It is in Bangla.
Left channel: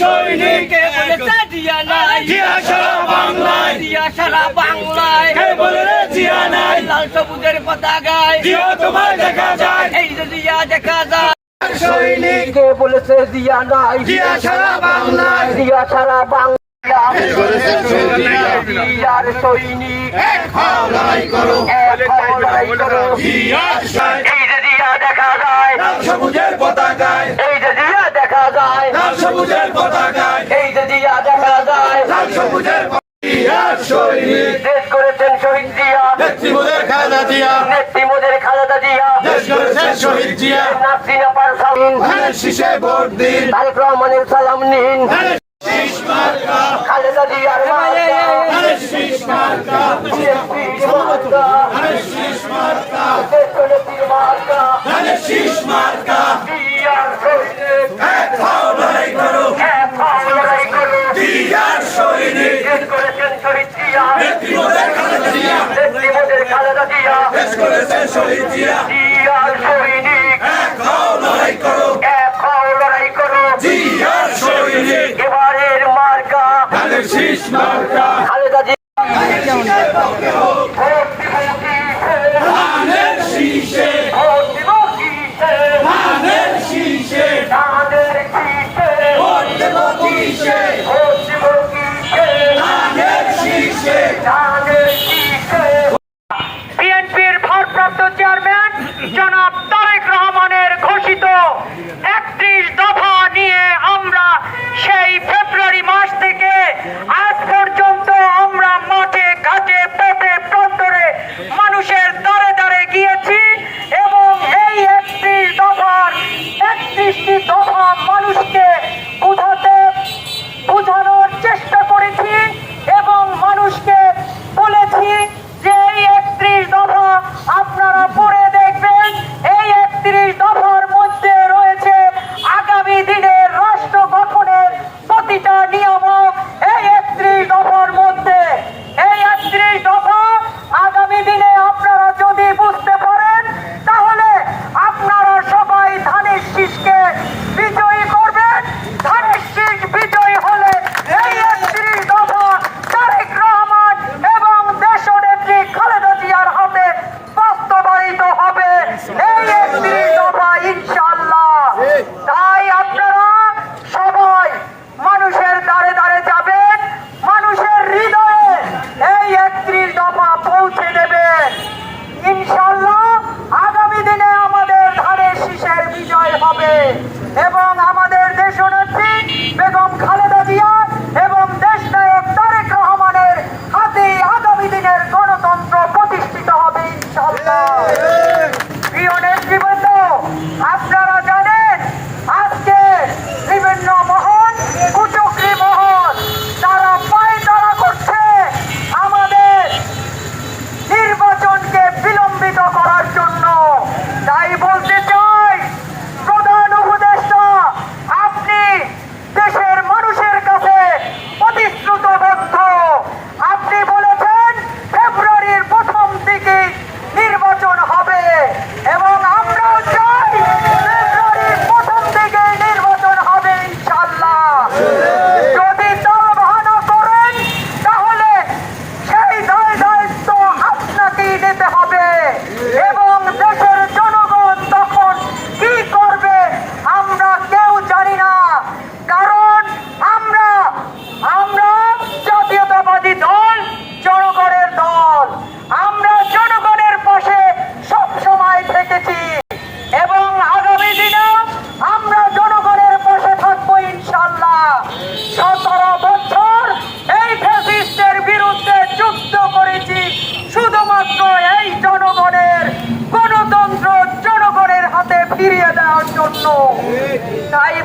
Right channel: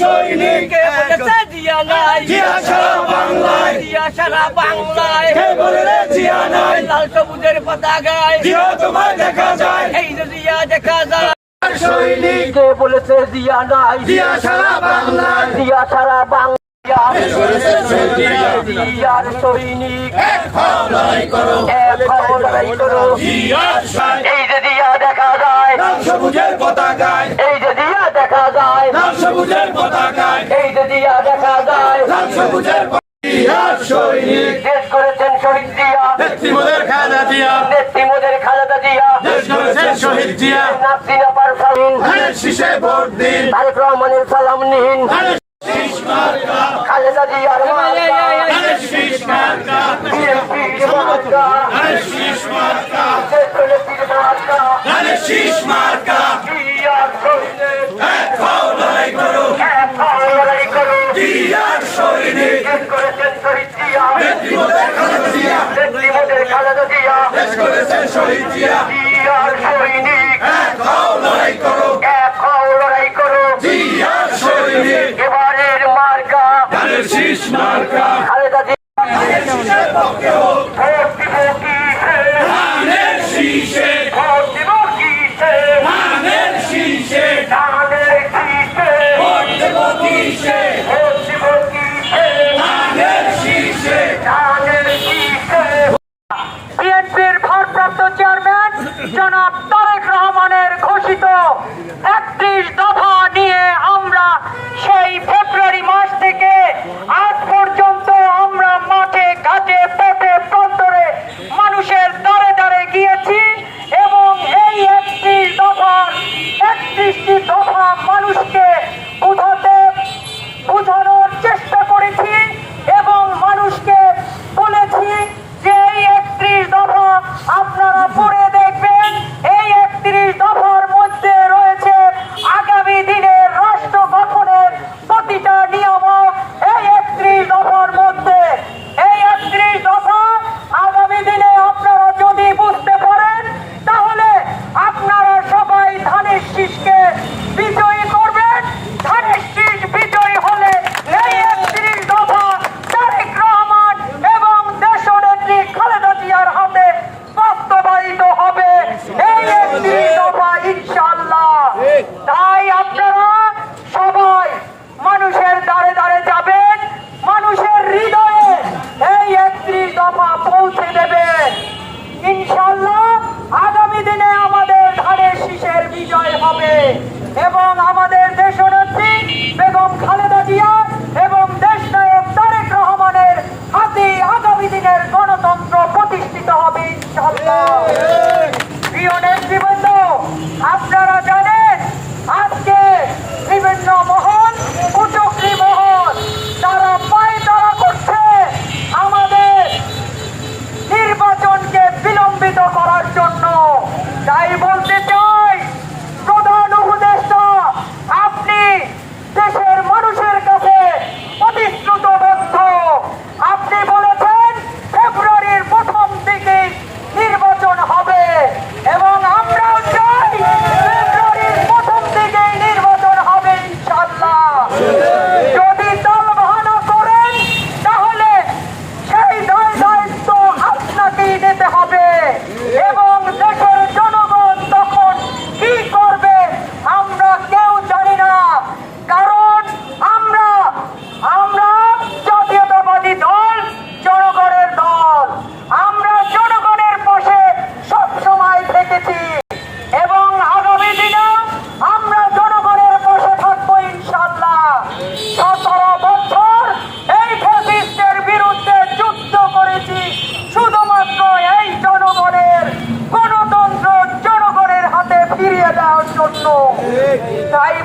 সৈনিক কে বলেছে জিয়া নাই। জিয়া সারা বাংলায়। জিয়া সারা বাংলায়। কে বলে রে জিয়া নাই? লাল সবুজের পতাকায়। জিয়া তোমায় দেখা যায়। এই যে জিয়া দেখা যায়। সৈনিক। কে বলেছে জিয়া নাই? জিয়া সারা বাংলায়। জিয়া সারা বাংলা সৈনিক? এই যে সবুজের পতাকায়। এই যে জিয়া দেখা যায়। লাল সবুজের জিয়ার সৈনিক। দেশ করেছেন শহীদ জিয়া। নেত্রী মোদের খালেদা জিয়া। নেত্রী মোদের দেশ করেছেন শহীদ জিয়া। নাসিনা পারসামিন হ্যাঁ শীষে ভোট দিন। তারেক রহমানের সালাম নিন। খালেদা মার্কা। শীষ মার্কা। বিএনপি মার্কা। হ্যাঁ, হ্যাঁ, শীষ মার্কা। দেশ মার্কা। করেছে শহীদ জিয়া। Tá aí,